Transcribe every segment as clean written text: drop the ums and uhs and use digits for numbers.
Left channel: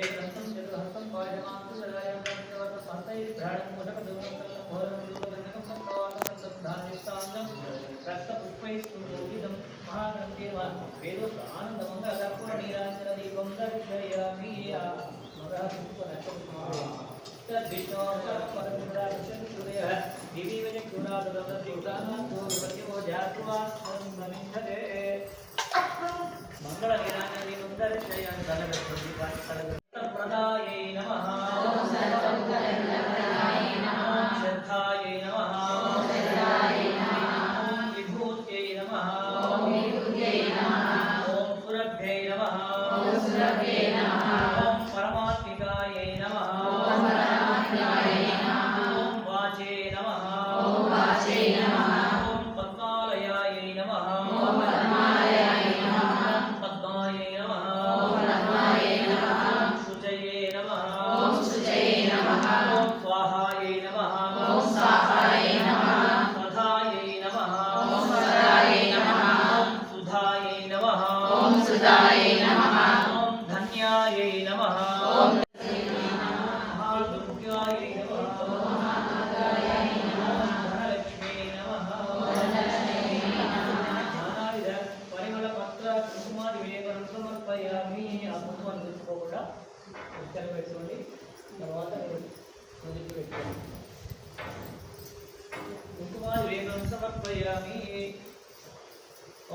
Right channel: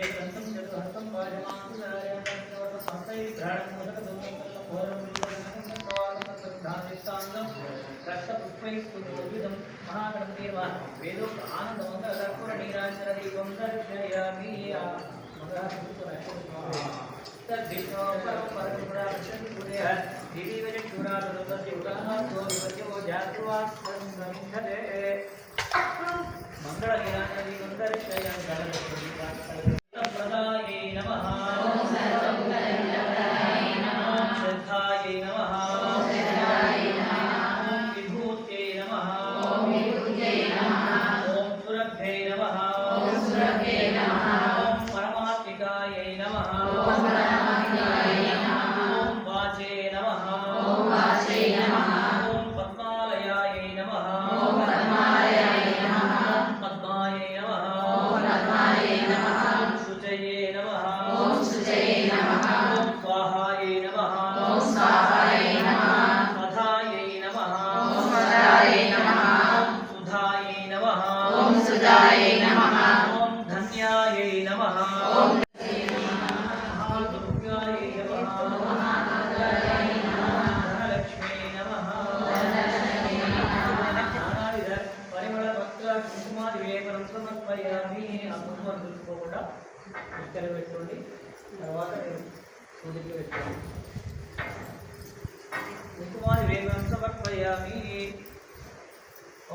एकहस्तं चतुर्हस्तं महाग्रंथेर्वा वेदोक्त आनंदमंगलकर्पूर नीराजनदीपं दर्शयामि मंगल नीराजनदीपं दर्शयामि प्रदाये नमः श्रद्धाये नमः विभूत्यै नमः ओम सुरभ्ये नमः ओम परमात्मिकायै नमः ओम वाचे नमः ओम पद्मालयायै नमः ओम पद्मायै नमः शुचये नमः ओम स्वाहायै नमः ओम सधायै नमः ओम सुधायै नमः ओम धन्यायै नमः ओम महादुर्गायै नमः धनलक्ष्मी नमः नानाविध परिमళ पत्र कुंकुमादि विलेपनं समर्पयामि ఆ కుంకుమాన్ని దులుపుకోకుండా ఉత్తర పెట్టుకోండి తర్వాత సూదికి పెట్టుకోండి కుంకుమాది విలేపనం సమర్పయామి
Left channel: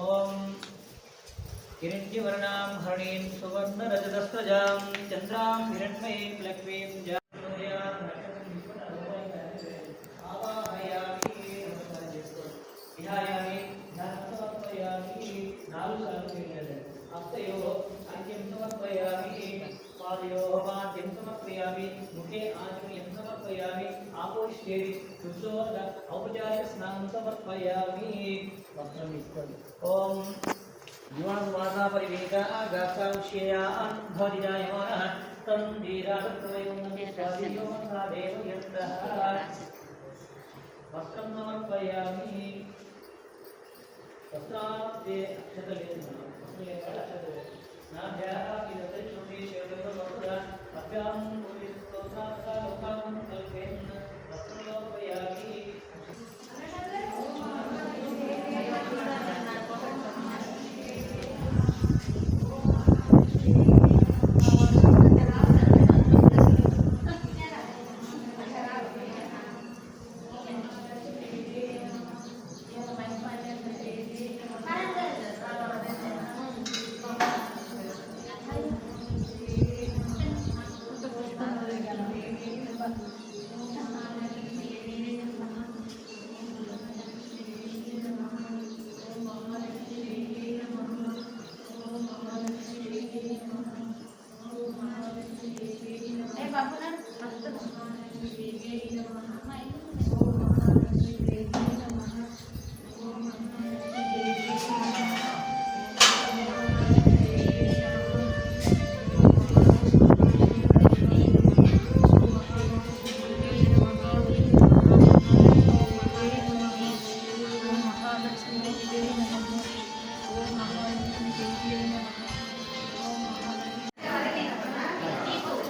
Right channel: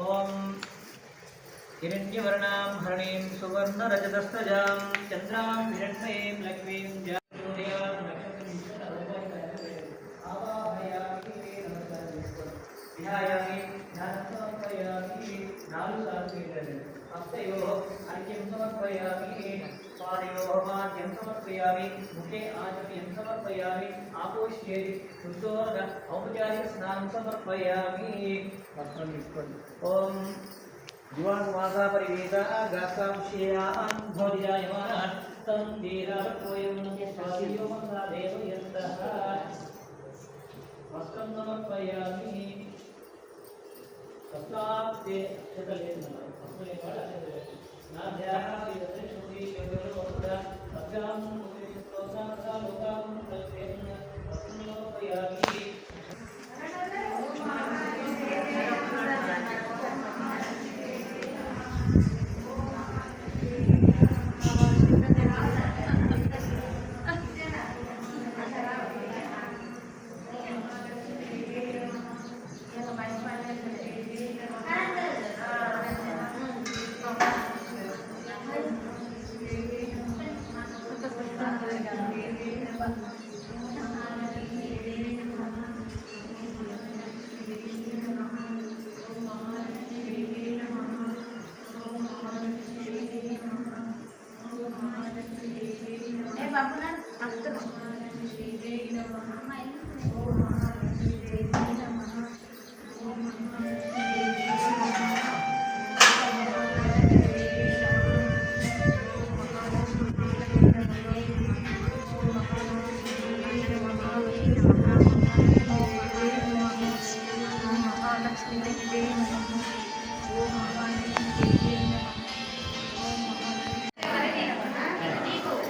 ఓం हिरण्यवर्णां हरणीं सुवर्णरजतस्रजां चन्द्रां हिरण्मयीं लक्ष्मीं ध्यायामि ध्यानसमर्पयामि हस्तयोः अर्घ्यं समर्पयामि पादयोः मार्घ्यं समर्पयामि मुखे आचमनीयं समर्पयामि आपोष्येरि शुचोर्ध औपचारिकस्नानं समर्पयामि वस्त्रं తీసుకోండి ओम जीवानुवासा परिवेदा गात्रांशेयान् भवति जायमानः तं धीरावत्वयं स्वादियो मंगलादेव यन्तः वस्त्रं समर्पयामि वस्त्राब्दे शतलेन नाभ्याः श्रीवत्सुषी शेवयोः अभ्यां स्तोत्राः लोकां कल्पेन वस्त्रं समर्पयामि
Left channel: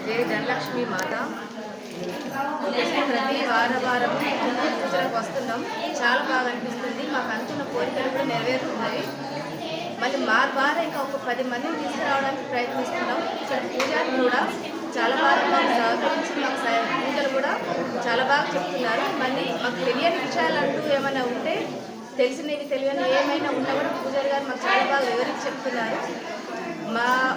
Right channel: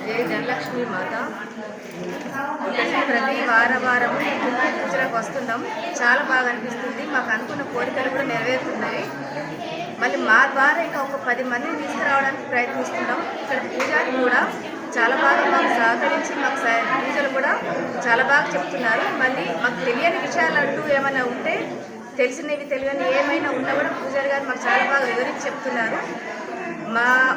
जय धनलक्ष्मी माता ప్రతి వారము పూజలకు వస్తున్నాం. చాలా బాగా అనిపిస్తుంది. మాకు అనుకున్న కోరికలు కూడా నెరవేరుతున్నాయి. మళ్ళీ మా ద్వారా ఇంకా ఒక 10 మందిని తీసుకురావడానికి ప్రయత్నిస్తున్నాం. ఇక్కడ పూజారి కూడా చాలా బాగా మాకు సహకరించి మాకు పూజలు కూడా చాలా బాగా చెప్తున్నారు. మళ్ళీ మాకు తెలియని విషయాలు అంటూ ఏమైనా ఉంటే తెలిసినవి తెలియని ఏమైనా ఉన్నా కూడా పూజారి గారు మాకు చాలా బాగా వివరించి చెప్తున్నారు.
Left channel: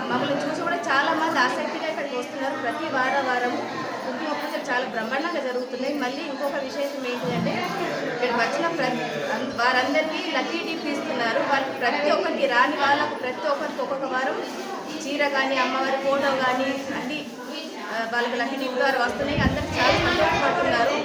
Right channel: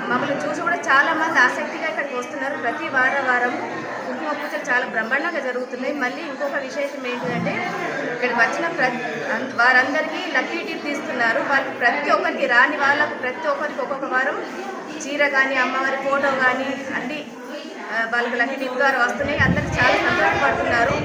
మమ్మల్ని చూసి కూడా చాలామంది ఆసక్తిగా ఇక్కడికి వస్తున్నారు. ప్రతి వారము కుంకుమ పూజలు చాలా బ్రహ్మాండంగా జరుగుతున్నాయి. మళ్ళీ ఇంకొక విశేషం ఏంటంటే ఇక్కడికి వచ్చిన వారందరికీ లక్కీ టిప్ ఇస్తున్నారు. వాళ్ళు ప్రతి ఒక్కరికి రాని వాళ్ళకు ప్రతి ఒక్కరికి ఒక్కొక్క వారం చీర కానీ అమ్మవారి ఫోటో కానీ అన్నీ వాళ్ళకి లక్కీ టిప్ ద్వారా వస్తున్నాయి. అందరికీ చాలా సంతోషపడుతున్నారు.